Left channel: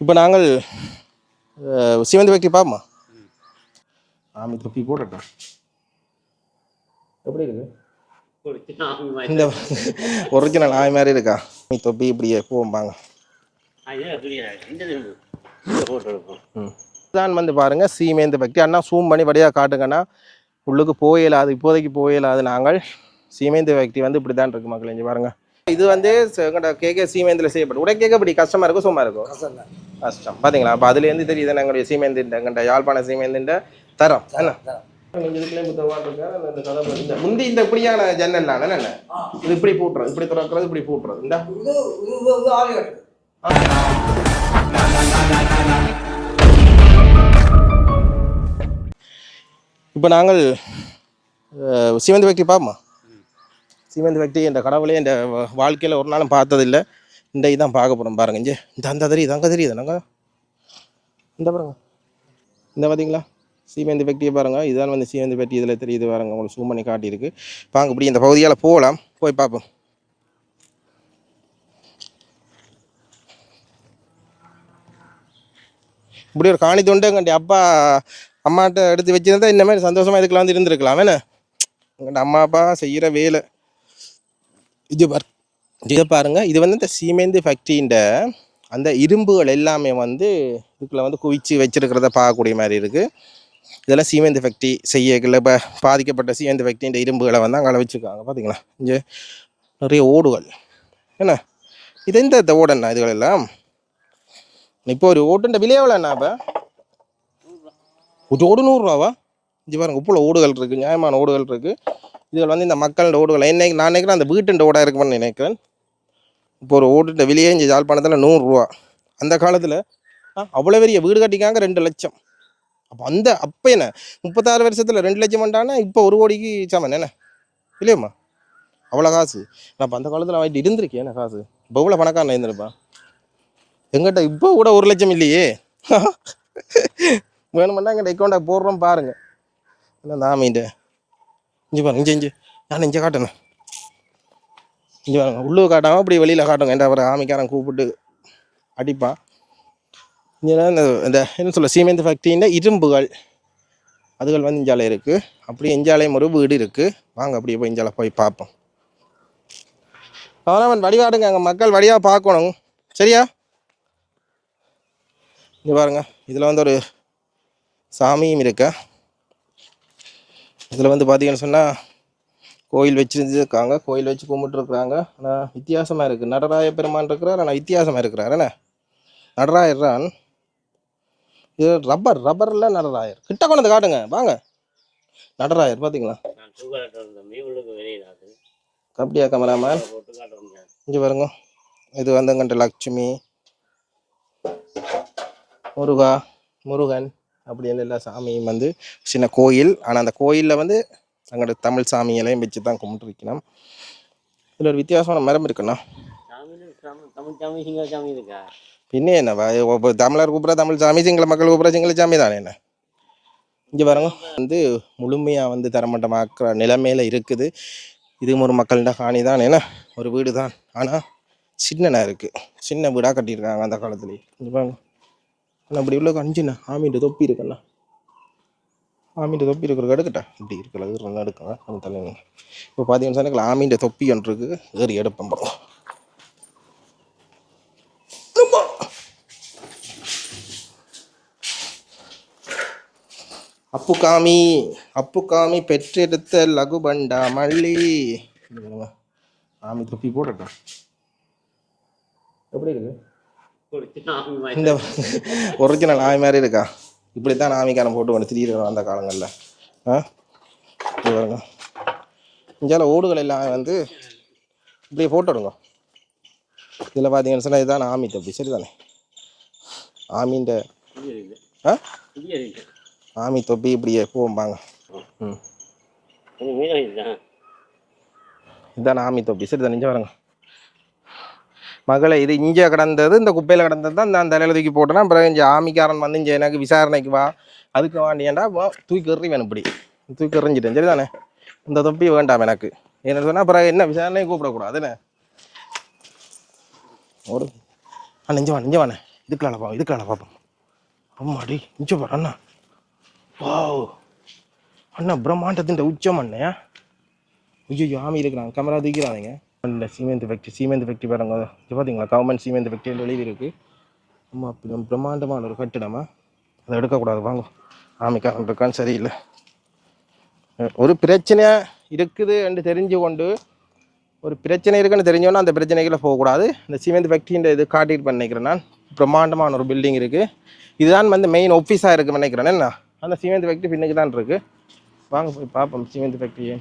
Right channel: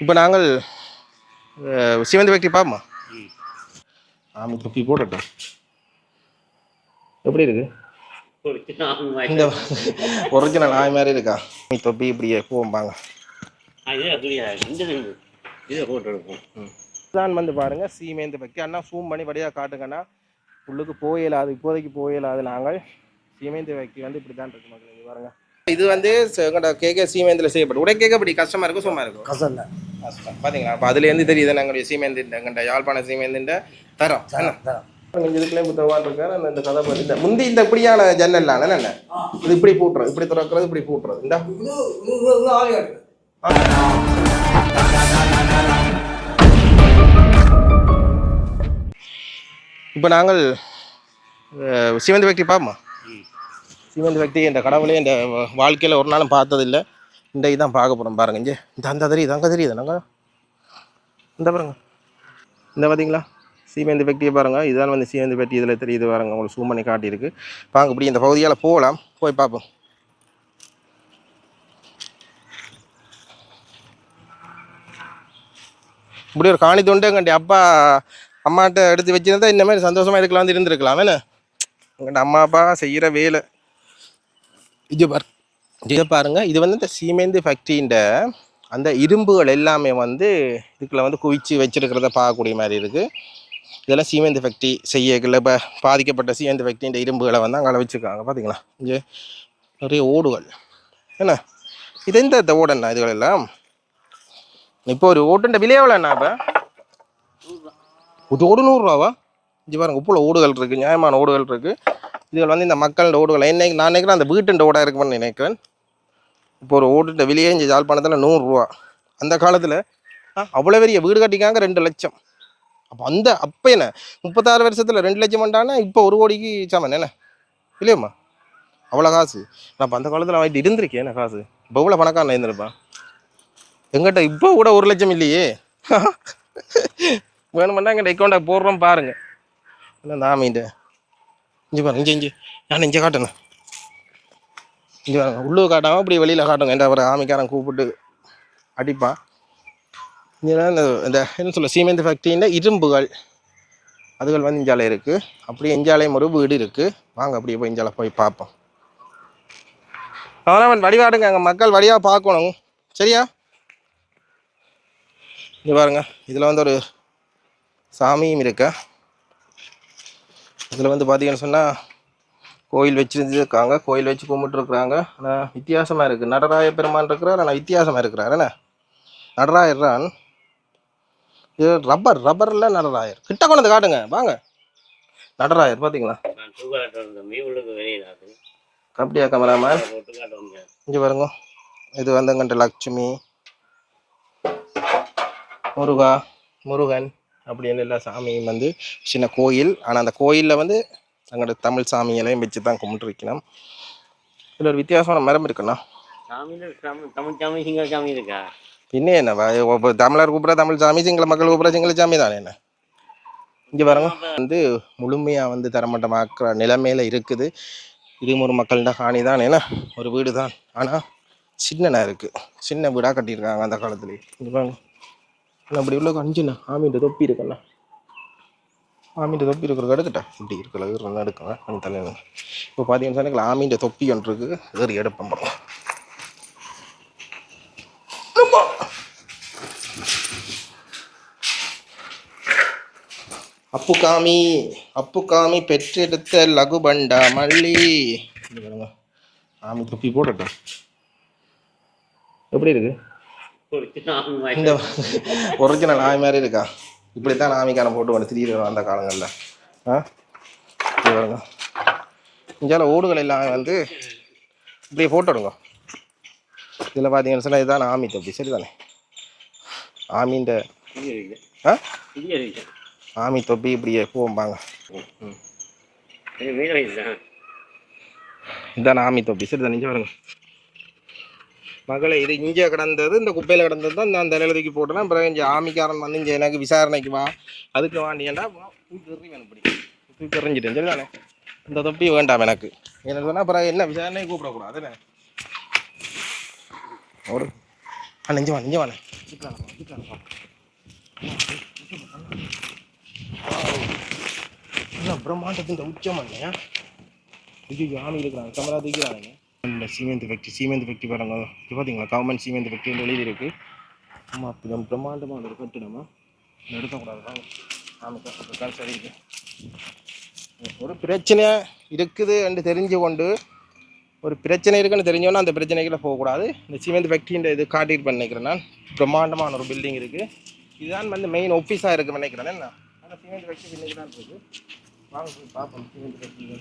இப்போ நாங்கள் சிவந்தி வைக்க பாப்போமா? ஆமாம் தொப்பி போடட்டும் எப்படி இருக்கு? இந்த ஒரிஜினல் நாய் மாதிரி இருக்கா? நீ தொப்பி இப்படியே போம்பாங்க ம். தான் வந்து பாருங்க சீமேந்து பக்தி. அண்ணா சூம் பண்ணி வழியாக காட்டுங்கண்ணா. உள்ளுக்கு போயிடாது இப்போதைக்கு போயிடாது நாங்கள் சீமேந்து பக்தி வந்து இப்படி தான் இருக்கு மக்கள் இங்கே பாருங்க. இது வந்து கேட்க சீமேந்தில் செய்யப்படும் உடனே கேட்க இப்படி கஷ்டமா இருக்கும் சும்மா இருக்கும் கசம் தான் கஷ்டம். பாத்தீங்களா? அப்போ அதுலேருந்து தெரியுது எங்களுடைய சீமேந்து எங்கள்கிட்ட யாழ்ப்பாண சீமேந்துன்ற தரம். என்ன? தரம். இதுக்குள்ளே புத்தகவான் இருக்காரு இந்த கதை பத்தி இந்த முந்தி இந்த இப்படியான ஜன்னல்லாம் என்ன இது இப்படி பூட்டுறது இப்படி திறக்கிறது இப்படி பூட்டுறது. இந்த. இப்போ நாங்கள் சிவந்தி பக்தி பார்ப்போமா? சிவந்தி பக்தி இந்த கடவுளே இந்த வாழ்க்கையில் ஒரு நாளும் பார்த்ததில்லை. இந்த இதான் பார்க்க போகிறோம் பாருங்க. இங்கே இந்த அந்த தெரியுது அங்கே தெரியுது நாங்கள் இந்த பாருங்க. இந்த பார்த்தீங்களா சீமேந்தி பெட்டியை பாருங்க. இதுதான் வந்து சீமேந்தி பெட்டி இதில் தெரியுது பாருங்க. உங்களுக்கு சூம் பண்ணி காட்டியிருக்கு. பாருங்க இப்படி இந்த பகுதியால் போகலாம். போய் பார்ப்போம். இப்படி ஒரு காணி தொண்டு எங்கள்கிட்ட அப்பா அம்மாட்ட எடுத்து வச்சிருந்தா இந்த மாதிரி சந்தோஷமா இதுக்கெல்லாம் வந்து இருந்திருக்கலாம். என்ன? எங்கள்கிட்ட அம்மா அப்பா செய்கிற வேலை. இது பார் இதை பாருங்கள் இது வந்து இந்த சீமேந்து ஃபேக்ட்ரின்ற அந்த இரும்புகள் எல்லாமே வந்து இதுக்குள்ள வந்து குவிச்சு வச்சிருக்கிறத பார்க்கக்கூடிய மாதிரி இருக்குது இதெல்லாம் சீமேந்து ஃபேக்ட்ரி செய்யல இப்போ பாதிக்கப்பட்ட சீமேந்து ஃபேக்ட்ரின்ற இரும்புகளை வந்து அங்கே வச்சுருக்காங்க பார்த்தீங்களா இங்கே நிறைய ஓடுகள். என்ன? இது எந்த இந்த ஓடண்ணா இதுகள் எல்லாம்? இப்போ ஒரு ஓட்டுன்ற விலை எவ்வளோண்ணா இப்போ? ஒரு ஓடு நூறுரூவாவா இங்கே பாருங்க உப்புல ஓடுகள் இருக்குது நியாயமான ஓடுகள் இருக்குது இதுகள் வந்து இந்த மக்களோட ஓடுகள். என்னைக்கு நான் நினைக்கிறேன் அந்த வீட்டுன்ற ஓடாக இருக்குமென்னு நினைக்கிறேன். இப்போ ஒரு ஓட்டுன்ற விலையே இங்கே யாழ்ப்பாணத்தில் நூறுரூவா. அந்த காலத்தில் அவ்வளோ பெரிய வீடு கட்டிக்காங்க ரெண்டு லட்சம். அப்போ அந்த அப்போ என்ன? முப்பத்தாறு வருஷத்தில் ரெண்டு லட்சம் பண்ணான்னா இப்போ ஒரு கோடிக்கு சாமான் என்ன? இல்லையம்மா? அவ்வளோ காசு. நான் அப்போ அந்த காலத்தில் வாங்கிட்டு இருந்திருக்கேன் என்ன காசு? இப்போ எவ்வளோ பணக்காரன் இருந்திருப்பேன்? எங்கிட்ட இப்போ கூட ஒரு லட்சம் இல்லையே. வேணுமெண்டா எங்கிட்ட அக்கௌண்ட்டை போடுறோம் பாருங்க. என்ன நாமின்ட்டு இஞ்சி பாருங்க இஞ்சி இஞ்சி. நான் இங்கே காட்டணும். இங்கே பாருங்க உள்ளூர் காட்டாமல் இப்படி வெளியில் காட்டுங்க. என்ற ஒரு ஆமிக்காரன் கூப்பிட்டு அடிப்பான். இங்கே இந்த இந்த என்ன சொல்ல சீமெண்ட் ஃபேக்ட்ரியில் இரும்புகள் அதுகள் வந்து இஞ்சாலை இருக்குது அப்படியே இஞ்சாலையும் ஒரு வீடு இருக்குது வாங்க அப்படியே போய் இஞ்சாலை போய் பார்ப்போம். அவனவன் வடிவாடுங்க அங்கே மக்கள் வழியாக பார்க்கணும். சரியா? இங்கே பாருங்க இதில் வந்து ஒரு சாமியும் இருக்கா? இதில் வந்து பார்த்தீங்கன்னு சொன்னால் கோயில் வச்சுருந்துருக்காங்க. கோயில் வச்சு கும்பிட்டுருக்குறாங்க. ஆனால் வித்தியாசமாக இருக்குது நடராய பெருமான் இருக்கிறார் ஆனால் வித்தியாசமாக இருக்கிறார். என்ன? நடராயர்தான் இது ரப்பர் ரப்பரில் நடராயர். கிட்ட கொண்டு வந்து காட்டுங்க. வாங்க. நடராயர் பார்த்தீங்களா அப்படியா கேமராமேன் இங்கே பாருங்க. இது வந்தங்கண்ட லக்ஷ்மி. லட்சுமி முருகா முருகன் அப்படின்னு எல்லா சாமியும் வந்து சின்ன கோயில். ஆனால் அந்த கோயிலில் வந்து எங்களோட தமிழ் சாமிகளையும் வச்சு தான் கும்பிட்டுருக்கணும். இதில் ஒரு வித்தியாசமான மரம் இருக்குண்ணா. தமிழ் சாமி சிங்கள சாமி இருக்கா? ஒவ்வொரு தமிழர் கூப்பிட்ற தமிழ் சாமி சிங்கள மக்கள் கூப்பிட்ற சிங்கள சாமி தானே என்ன? இங்கே பாருங்க. வந்து முழுமையாக வந்து தரமட்டமாக்குற நிலைமையில் இருக்குது. இதுவும் ஒரு மக்கள்கிட்ட காணி தான் என்ன? ஒரு வீடு தான். ஆனால் சின்னனா இருக்குது சின்ன வீடாக கட்டியிருக்காங்க அந்த காலத்துலேயே இங்கே பாருங்க. அண்ணா அப்படி உள்ள அஞ்சுண்ணா ஆமிட்ட தொப்பி இருக்குண்ணா. ஆமிட்ட தொப்பி இருக்கிற எடுக்கட்டா இப்படி இருக்கிற இருந்தால் எடுக்கங்க கொஞ்சம் தலைவர் இப்போ பார்த்தீங்கன்னு சொன்னால் ஆமின்ற தொப்பி ஒன்று இருக்குது ஏறி எடுப்போம் பாருங்க. அப்புகாமி அப்புகாமி பெற்றெடுத்த லகுபண்டா மல்லி. ஆமி தொப்பி போடட்டும் எப்படி இருக்கு? இந்த ஒரிஜினல் நாய் மாதிரி இருக்கா? இப்படி தான் ஆமிக்காரன் போட்டு வந்து திடீர்னு அந்த காலங்களில். ஆ? இங்க பாருங்க இங்கால ஓடுகள் எல்லாம் வந்து இப்படியே போட்டுடுங்க இதில் பார்த்தீங்கன்னு சொன்னால் இதுதான் ஆமி தொப்பி. சரிதானே? ஆமின்ற ஆ? ஆமி தொப்பி இப்படியே போம்பாங்க ம். இதான் ஆமி தொப்பி. சரி தான் நிஞ்சம் வருங்க மகளை இது இங்கே கிடந்தது இந்த குப்பையில் கிடந்தது தான் நான் தலையில் தூக்கி போட்டேன்னா அப்புறம் இங்கே ஆமிக்காரன் வந்து இங்கே எனக்கு விசாரணைக்கு வா. அதுக்கு வாண்டியேண்டா வா, தூக்கி எறி வேணும் இப்படி. தூக்கி எறிஞ்சிட்டேன் சரிதானே? இந்த தொப்பி வேண்டாம் எனக்கு. என்ன சொன்னால் அப்புறம் என்ன விசாரணையை கூப்பிடக்கூடாது என்ன? ஒரு ஆ நெஞ்சு வா நெஞ்சு வாண்ணே. இதுக்கான பாப்பா இதுக்கான பாப்பா அம்மாடி நிச்சயம் பாரு அண்ணா. அண்ணா பிரம்மாண்டத்தின் உச்சம் அண்ணே. ஐயோ ஆமி இருக்கிறாங்க கமரா தூக்கிறாங்க இல்லை சீமெண்ட் ஃபேக்ட்ரி சீமெண்ட் ஃபேக்ட்ரி பாருங்க. இது பார்த்தீங்களா கவர்மெண்ட் சீமெண்ட் ஃபேக்ட்ரி எழுதி இருக்கு ஆமாம் அப்படி பிரம்மாண்டமான ஒரு கட்டிடமா. அதை எடுக்கக்கூடாது வாங்க. ஆமிக்காரன் இருக்கான்னு சரியில்லை. ஒரு பிரச்சனையாக இருக்குது என்று தெரிஞ்சு கொண்டு ஒரு பிரச்சனை இருக்குன்னு தெரிஞ்சோன்னா அந்த பிரச்சனைக்குள்ள போகக்கூடாது. இந்த சிமெண்ட் ஃபேக்ட்ரின்ற இது காட்டிட்டு நினைக்கிறேன் நான். பிரம்மாண்டமான ஒரு பில்டிங் இருக்குது இதுதான் வந்து மெயின் ஆஃபீஸாக இருக்குன்னு நினைக்கிறேன். என்ன? அந்த சிமெண்ட் ஃபேக்ட்ரி பின்னுக்கு தான் இருக்குது வாங்க போய் பார்ப்போம் சிமெண்ட் ஃபேக்ட்ரியை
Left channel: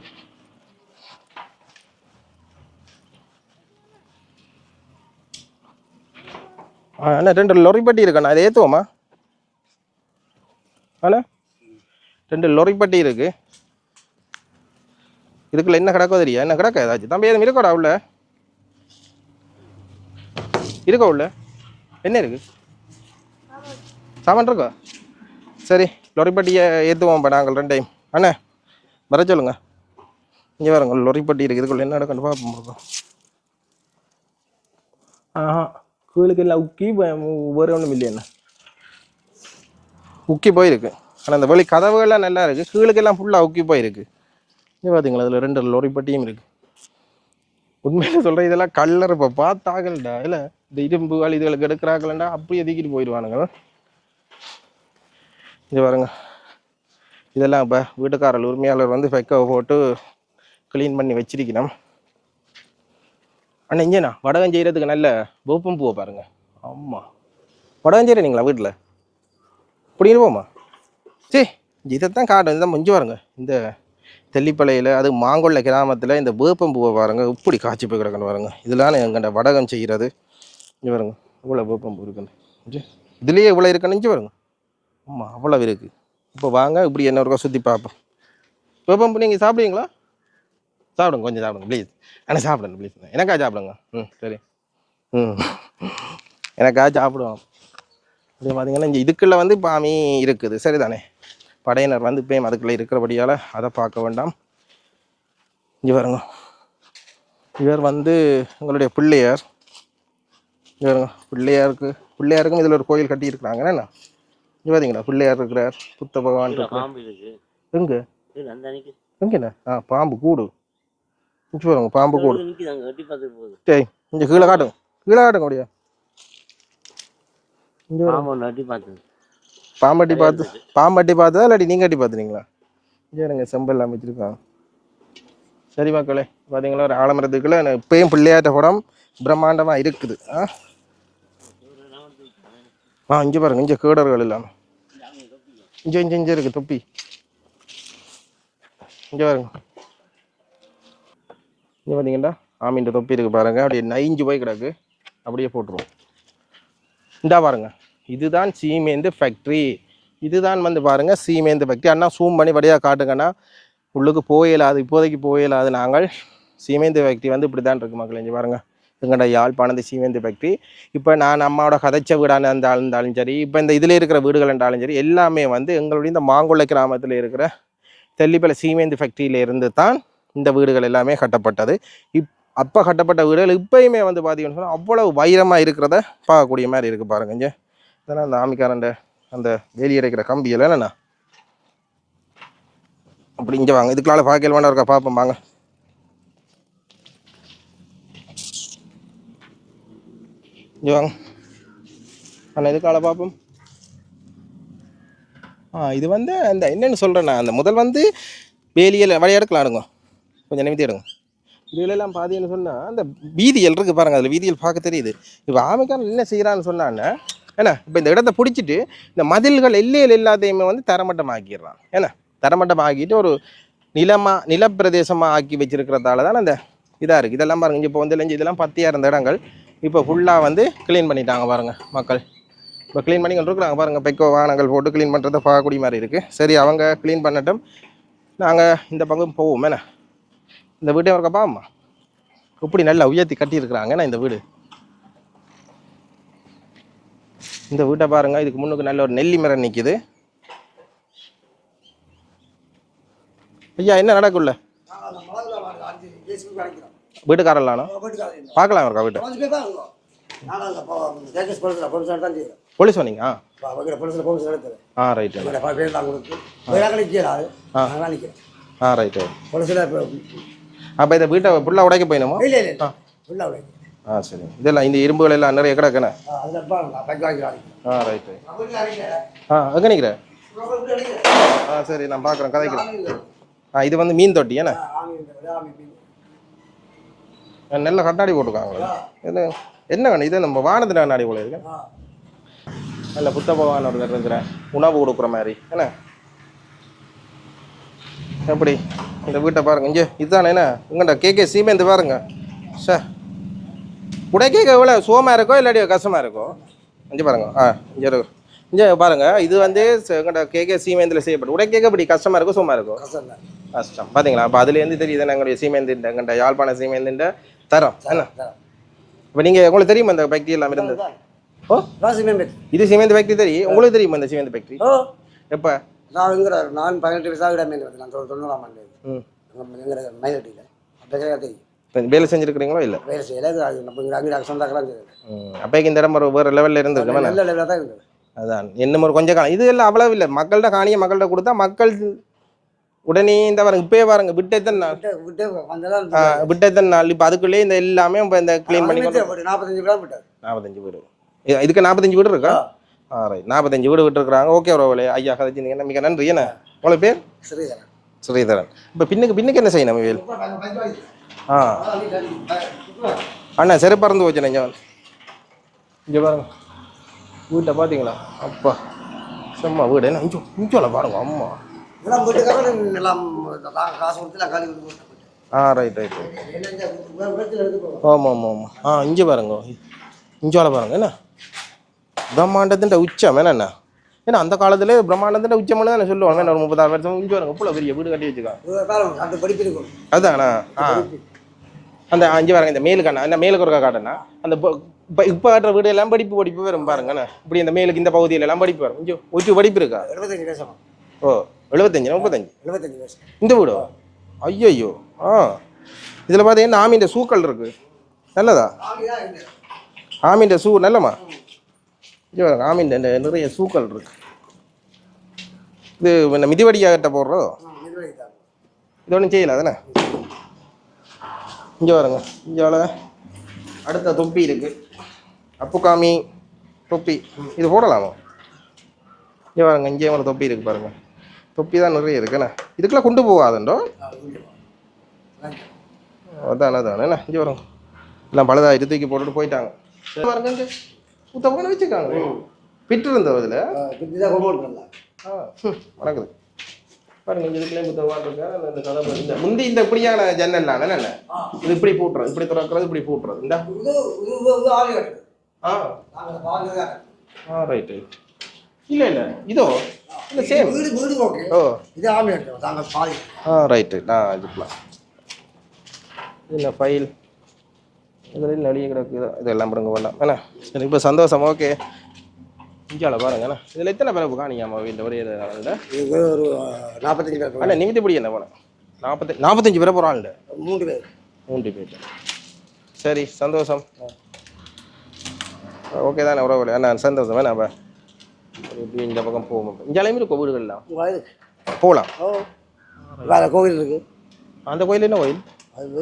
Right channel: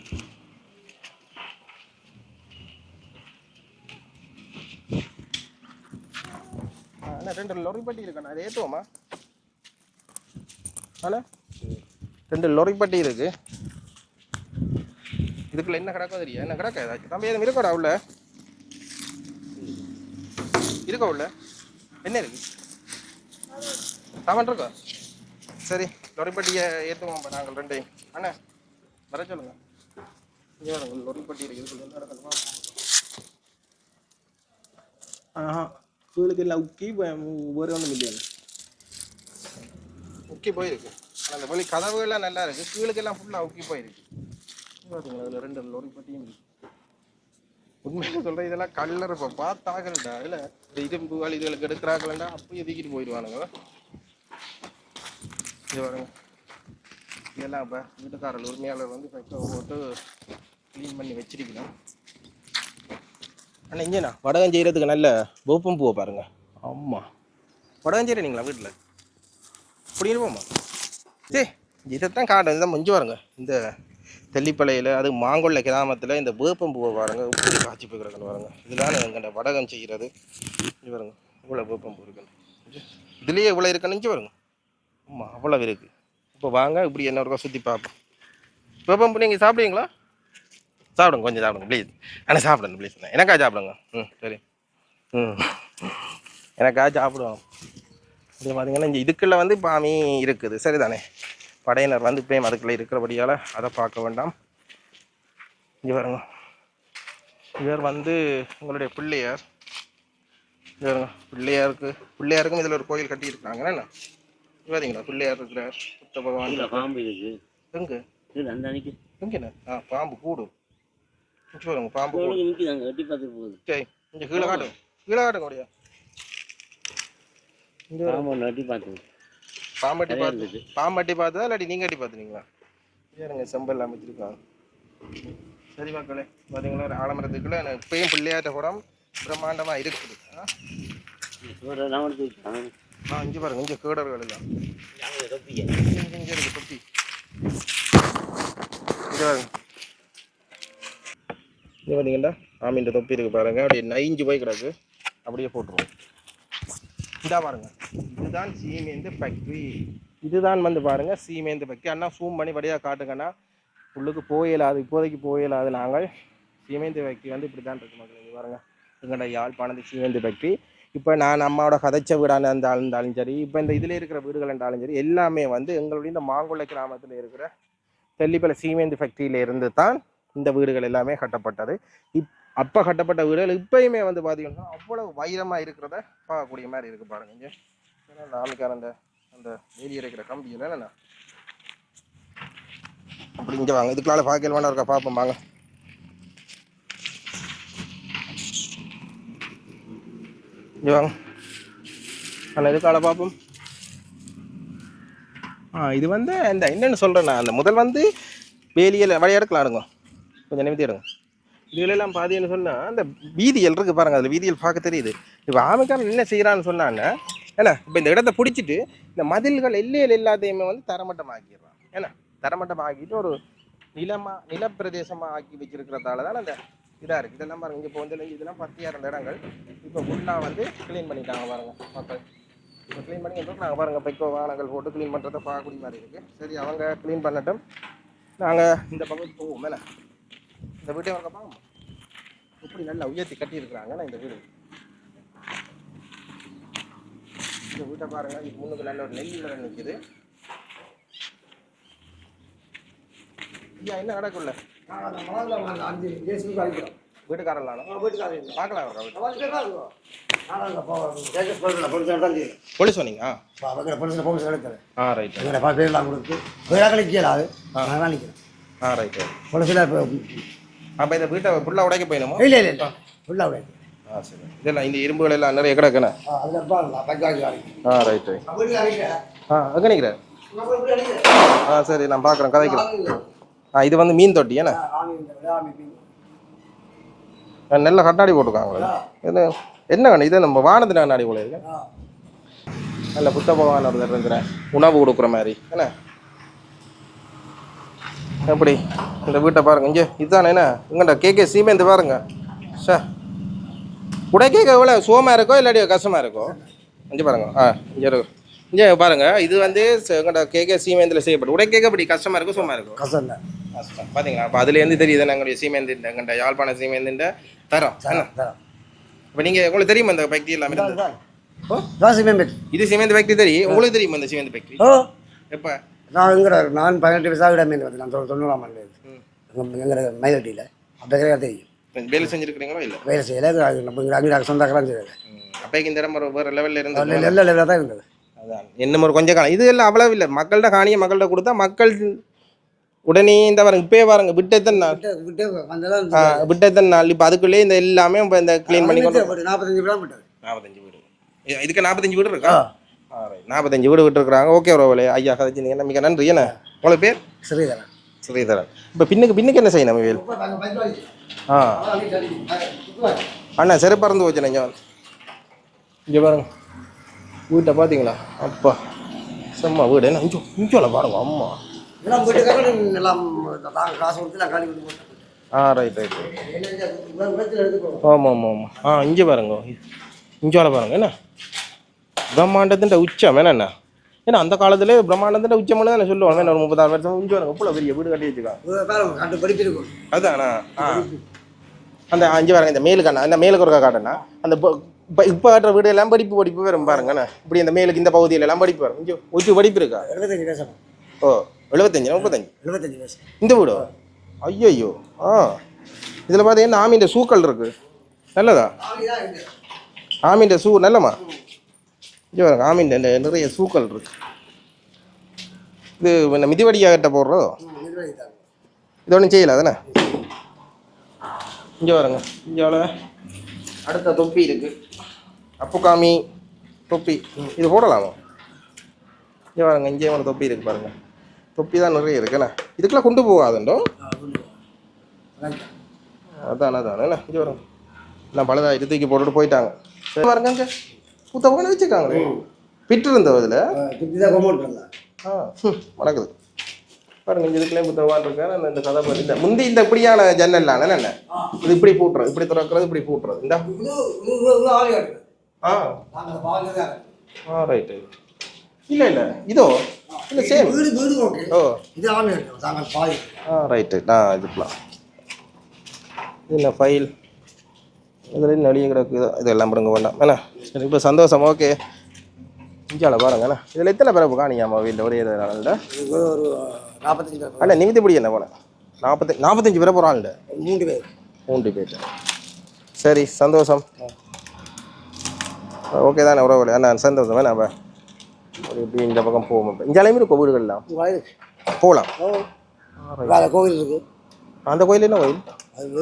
அண்ணா ரெண்டு லொரி பட்டி இருக்கண்ணா அது ஏற்றுவோமா அண்ணா ரெண்டு லொரி பட்டி இருக்கு. இதுக்குள்ள என்ன கிடக்கோ தெரியா? என்ன கிடக்க ஏதாச்சும்? தம்பி எதுவும் இருக்கோடா உள்ள? இருக்கா உள்ள? என்ன இருக்கு? சாமான் இருக்கா? சரி லொரிப்பட்டியை ஏற்றுவோம் இப்போ நாங்கள் ரெண்டு டைம் அண்ணா வர சொல்லுங்க. இங்கே வரங்க லொரிப்பட்டி இருக்குது இதுக்குள்ள என்ன நடக்கணும் பார்ப்போம் பார்ப்போம் ஆஹா. கீழுக்கு எல்லாம் உக்கி ப- ஒன்றும் இல்லையா உக்கி போயிருக்கு. ஆனால் அந்த வெளி கதவுகள்லாம் நல்லா இருக்குது கீழுக்கெல்லாம் ஃபுல்லாக உக்கி போயிருக்கு. இது பார்த்தீங்களா அதில் ரெண்டு லொரிப்பட்டியும் இருக்குது உண்மையில சொல்கிறேன் இதெல்லாம் கல்லர் இப்போ பார்த்தாகலடா. இல்லை இந்த இரும்புகள் இதுகளுக்கு எடுக்கிறாங்களா அப்படியே எதுக்கிட்டு போயிடுவானுங்க. இது. பாருங்க. இதெல்லாம் இப்போ வீட்டுக்காரர் உரிமையாளர் வந்து ஃபெக்கை போட்டு க்ளீன் பண்ணி வச்சிருக்கணும். அண்ணா இங்கேண்ணா வடகம் செய்கிறதுக்கு நல்ல வேப்பம் பூவை பாருங்க. ஆமாம் வடகம் செய்கிறீங்களா வீட்டில் புடிங்கிட்டு போமா சரி இதைத்தான் காட்டும் இதுதான் மஞ்சு பாருங்க. இந்த தெல்லிப்பளையில் அது மாங்கொல்ல கிராமத்தில் இந்த வேப்பம் பூவை பாருங்க இப்படி காய்ச்சி போய் கிடக்கணும் பாருங்க. இதெல்லாம் எங்கள்கிட்ட வடகம் செய்கிறது இங்கே பாருங்க இவ்வளோ வேப்பம் பூ இருக்குன்னு. இதுலேயே இவ்வளோ இருக்குன்னு பாருங்க. ஆமாம் அவ்வளோ இருக்குது இப்போ வாங்க இப்படி என்ன ஒருக்கா சுற்றி பார்ப்போம். வேப்பம் பூ நீங்கள் சாப்பிடுவீங்களா? சாப்பிடுங்க கொஞ்சம் சாப்பிடுங்க ப்ளீஸ் ஆனால் சாப்பிடுங்க ப்ளீஸ் எனக்கா சாப்பிடுங்க. ம் சரி. ம். எனக்கா சாப்பிடுவோம். இது பார்த்தீங்கன்னா இங்கே இதுக்குள்ள வந்து பாமி இருக்குது. சரிதானே? படையினர் வந்து இப்பயும் அதுக்குள்ளே இருக்கிறபடியால் அதை பார்க்க வேண்டாம். இங்கே பாருங்க. இவர் வந்து உங்களுடைய பிள்ளையார். இங்க பாருங்க. பிள்ளையாருக்கு பிள்ளையாருக்கும் இதில் ஒரு கோயில் கட்டி இருக்கிறாங்க என்ன? இங்கே பார்த்தீங்களா பிள்ளையார் இருக்கிறார் புத்த பகவான் எங்கே? எங்கண்ணா ஆ பாம்பு கூடு. இங்கே பாருங்க பாம்பு கூடு. டேய் இங்கே கீழே காட்டும் கீழே காட்டுங்க அப்படியா. பாம்பட்டி பார்த்து பாம்பட்டி பார்த்ததா இல்லாட்டி நீங்கள் அட்டி பார்த்துறீங்களா? இங்கே இருங்க செம்பல் அமைச்சிருக்கான். சரி மக்களே பார்த்தீங்களா ஒரு ஆலமரத்துக்குள்ள எனக்கு இப்பயும் பிள்ளையாட்ட படம் பிரம்மாண்டமாக இருக்குது. ஆ. ஆ இங்கே பாருங்க இங்கே கேடர்கள் தொப்பிக்க. இங்கே இங்கே இங்கே இருக்குது தொப்பி. இங்கே பாருங்க. இங்கே பார்த்தீங்களா ஆமீன் தொப்பி இருக்குது பாருங்கள் அப்படியே நைஞ்சு போய் கிடக்கு. அப்படியே போட்டுருவோம். இந்தா பாருங்க. இதுதான் சீமேந்து ஃபேக்ட்ரி இதுதான் வந்து பாருங்க சீமேந்து ஃபேக்ட்ரி அண்ணா சூம் பண்ணி வழியாக காட்டுங்கன்னா உள்ளுக்கு போயிடாது இப்போதைக்கு போயிடாது நாங்கள். சீமேந்து ஃபேக்ட்ரி வந்து இப்படி தான் இருக்குது மக்கள் இங்கே பாருங்க. எங்கள்ட யாழ்ப்பாணத்து சீமேந்து ஃபேக்ட்ரி இப்போ நான் அம்மாவோட கதைச்ச வீடான இருந்தாலும் இருந்தாலும் சரி இப்போ இந்த இதில் இருக்கிற வீடுகள் இருந்தாலும் சரி எல்லாமே வந்து எங்களுடைய இந்த மாங்குளை கிராமத்தில் இருக்கிற தெல்லிப்பளை சீமேந்து ஃபேக்ட்ரியில இருந்து தான் இந்த வீடுகள் எல்லாமே கட்டப்பட்டது. இப் அப்போ கட்டப்பட்ட வீடுகள் இப்பயுமே வந்து பார்த்தீங்கன்னு சொன்னால் அவ்வளவு வைரமாக இருக்கிறத பார்க்கக்கூடிய மாதிரி இருக்குது பாருங்க இங்கே. இதெல்லாம் அந்த ஆமிக்காரண்ட அந்த வேலி கம்பி கம்பியில் என்னண்ணா? அப்படி இங்கே வாங்க. இதுக்குள்ளால பார்க்கல வேண்டாம் இருக்கா? பார்ப்போம் வாங்க. இங்கே வாங்க. அண்ணா இதுக்கால பார்ப்போம். ஆ இது வந்து இந்த என்னென்னு சொல்கிறேண்ணா அந்த முதல் வந்து வேலியில் வழி எடுக்கலாம் கொஞ்சம் நிமித்தி எடுங்க. இதுலெல்லாம் பார்த்தீங்கன்னு சொன்னால் அந்த வீதியல் இருக்குது பாருங்க அதில் வீதியல் பார்க்க தெரியுது. இப்போ ஆமைக்காரன் என்ன செய்கிறான்னு சொன்னான்னா ஏன்னா இப்போ இந்த இடத்த பிடிச்சிட்டு இந்த மதில்கள் எல்லையில் எல்லாத்தையுமே வந்து தரமட்டமாக்கிடுறான். ஏன்னா தரமட்டமாக்கிட்டு ஒரு நிலமா நிலப்பிரதேசமாக ஆக்கி வச்சிருக்கிறதால தான் அந்த இதாக இருக்குது இதெல்லாம் பாருங்க இப்போ வந்து இல்லைஞ்சு இதெல்லாம் பத்தியாக இருந்த இடங்கள். இப்போ ஃபுல்லாக வந்து க்ளீன் பண்ணிட்டாங்க பாருங்க மக்கள். இப்போ க்ளீன் பண்ணி இருக்கிறாங்க பாருங்க பெக்கோ வாகனங்கள் போட்டு க்ளீன் பண்ணுறதை பார்க்கக்கூடிய மாதிரி இருக்குது சரி அவங்க க்ளீன் பண்ணட்டும். நாங்கள் இந்த பக்கம் போவோம் என்ன இந்த வீட்டையும் இருக்க பாம்மா இப்படி நல்லா உயர்த்தி கட்டியிருக்கிறாங்க நான் இந்த வீடு. இந்த வீட்டை பாருங்க இதுக்கு முன்னுக்கு நல்ல ஒரு நெல்லி மரம் நிற்கிது ஐயா என்ன நடக்குள்ள வீட்டுக்காரலானோ பார்க்கலாம் இருக்கா வீட்டை. போலீஸ் சொன்னீங்க ஆ ரைட்டு ஆ. ரைட்டு அப்போ இந்த வீட்டை ஃபுல்லாக உடைக்க போயிடுமா இல்லை இல்லை ஃபுல்லாக விட ஆ சரி. இதெல்லாம் இந்த இரும்புகள் எல்லாம் நிறைய கிடக்குண்ணே ஆ ரைட் ரைட் ஆ எங்கே அடிக்கிறேன். ஆ சரி நான் பார்க்குறேன் கதைக்கிறேன். ஆ இது வந்து மீன் தொட்டி ஏண்ணே நல்ல கண்ணாடி போட்டிருக்காங்களே. இது என்ன கண்ணு? இது நம்ம வானத்து கண்ணாடி போல இருக்கு. நல்ல புத்த பகவான் இருக்கிற உணவு கொடுக்குற மாதிரி. என்ன? எப்படி? இந்த வீட்டை பாருங்க. இங்கே இதுதானே என்ன? உங்கள்கிட்ட கேக்கே சீமெந்து பாருங்க. சார் உடை கேட்க எவ்வளோ? சுகமாக இருக்கோ இல்லாட்டி கஷ்டமாக இருக்கோ? இங்கே பாருங்க. ஆ இங்கே இருக்கு இங்கே பாருங்க. இது வந்து எங்கள்கிட்ட கேக்கே சீமேந்தில் செய்யப்படும் உடை கேட்க இப்படி கஷ்டமாக இருக்கோ சுகமாக இருக்கோ? கசந்த கஷ்டம். பார்த்தீங்களா அப்போ அதுலேருந்து தெரியுது எங்களுடைய சீமேந்து எங்கள்கிட்ட யாழ்ப்பாண சீமேந்துன்ற தரம். என்ன? இப்போ நீங்கள் உங்களுக்கு தெரியுமா இந்த ஃபேக்ட்ரி எல்லாம் இருந்தது? ஓ? இது சிமெண்ட் ஃபேக்ட்ரி தெரியும்? உங்களுக்கு தெரியுமா இந்த சிமெண்ட் ஃபேக்ட்ரி எப்போ? நான் எங்கிற நான் பதினெட்டு வயசாக விட மேலே நான் தொண்ணூ- தொண்ணூறாம் ஆண்டு. எங்கிற மயிலட்டியில் அப்போ கிடையாது தெரியும். இப்போ வேலை செஞ்சுருக்கிறீங்களோ இல்லை? வேலை செய்யலை. அங்கே சொந்தக்காரன் செய்யலை ம். அப்போக்கு இந்த இடம் வேறு லெவலில் இருந்தது நல்ல லெவலாக தான் இருந்தது. அதான். என்ன ஒரு கொஞ்சம் காலம் இது எல்லாம் அவ்வளவு இல்லை. மக்கள்கிட்ட காணியை மக்கள்கிட்ட கொடுத்தா மக்கள் உடனே இந்த பாருங்க இப்பயே பாருங்க விட்டத்தன் நாள்? விட்டத்தன் நாள் இப்போ அதுக்குள்ளே இந்த எல்லாமே இப்போ இந்த க்ளீன் பண்ணி நாற்பத்தஞ்சு விடா விட்டார் நாற்பத்தஞ்சு வீடு. இதுக்கு நாற்பத்தஞ்சு வீடு இருக்கா? ஆ ரைட் நாற்பத்தஞ்சு வீடு விட்டுருக்குறாங்க ஓகே ஒரு ஐயா கதைச்சிங்க மிக நன்றி என்ன உங்களுக்கு பேர் சரிதான் ஸ்ரீதரன் இப்போ பின்னுக்கு பின்னுக்கு என்ன செய்யணும் வேல் ஆ அண்ணா செருப்பு பறந்து போச்சு இங்கே இங்கே பாருங்க வீட்டை பார்த்தீங்களா அப்பா செம்ம வீடு என்ன இஞ்சோ இஞ்சோல பாருங்க அம்மா ஆ ரைட் ரைட் என்ன ஆமாம் ஆமாம் ஆமாம் ஆ இங்கே பாருங்க இஞ்சோல பாருங்க என்ன பிரம்மாண்டத்தின் உச்சம் என்னண்ணா ஏன்னா அந்த காலத்துல பிரம்மாண்டத்தின் உச்சம்னு தானே சொல்லுவாங்க. ஒரு முப்பதாறு வருஷம் இங்கே பாருங்க இவ்வளோ பெரிய வீடு கட்டி இருக்கும். அதானா? ஆ. அந்த அஞ்சு பாருங்க இந்த மேலுக்கு அண்ணா அந்த மேலுக்கு ஒரு காட்டுண்ணா அந்த இப்போ இப்போ கட்டுற வீடு எல்லாம் படிப்பு படிப்பு வரும் பாருங்கண்ணா இப்படி இந்த மேலுக்கு இந்த பகுதியில எல்லாம் படிப்பு வரும். இங்கே ஒற்று படிப்பு இருக்கா? ஓ எழுபத்தஞ்சு முப்பத்தஞ்சு? எழுபத்தஞ்சு இந்த வீடோ? ஐயோ ஆ. இதில் பார்த்தீங்கன்னா ஆமின்ற சூக்கள் இருக்கு. நல்லதா? ஆமின்ற சூ நல்லம்மா இங்கே பாருங்க ஆமீன் இந்த நிறைய சூக்கள் இருக்கு. இது இந்த மிதிவடியாக போடுறோம் இது ஒன்றும் செய்யல தானே இங்கே பாருங்க இங்கே அடுத்த தொப்பி இருக்கு. அப்புக்காமி தொப்பி. இது போடலாமா? இங்கே பாருங்க இங்கே ஒரு தொப்பி இருக்கு பாருங்க. தொப்பி தான் நிறைய இருக்குண்ணே இதுக்கெல்லாம் கொண்டு போகாதுண்டோ? அதான் அதான் என்ன இங்கே வரும் எல்லாம் பழுதாக தூக்கி போட்டுட்டு போயிட்டாங்க. பாருங்க பாருங்க போன வச்சுருக்காங்களே பிட்டு தான் ஹம், வணக்குது பாருங்க இந்த இதுக்குள்ளே புத்தகவான் இருக்காரு இந்த கதை பத்தி- இந்த முந்தி இந்த இப்படியான ஜன்னல்லாம் என்ன இது இப்படி பூட்டுறது இப்படி திறக்கிறது இப்படி பூட்டுறது இந்த. ஆ. ஆ ரைட் ரைட் இல்லை இல்லை. இதோ இல்லை சேம் வீடு வீடு ஓகே ஓ. இது ஆளு கட்டுது நாங்கள் பாய் ஆ ரைட்டு நான் இதுக்கலாம் இல்லை ஃபைல் இதில் நடிகை கிடக்கு. இதெல்லாம் பாருங்க வேண்டாம். என்ன? சரி இப்போ சந்தோஷம். ஓகே. இஞ்சால பாருங்க அண்ணா இதில் எத்தனை பேரை காணியாமா வீட்டில் ஒரே இது ஒரு நாற்பத்தஞ்சு பேர் அண்ணா நிமித்தி பிடி என்ன போனேன் நாற்பத்தி நாற்பத்தஞ்சு பேரை போகிறான்ல மூன்று பேர். மூன்று பேர். சரி சந்தோஷம். ஓகே தானே உறவுகளே அண்ணா சந்தோஷம். வேணா அப்போ. இப்படி இந்த பக்கம் போவோம் இந்த அளவுக்கு இருக்கும் வீடுகள்லாம் போகலாம் கோவில் இருக்குது அந்த கோயில் என்ன கோயில்? அது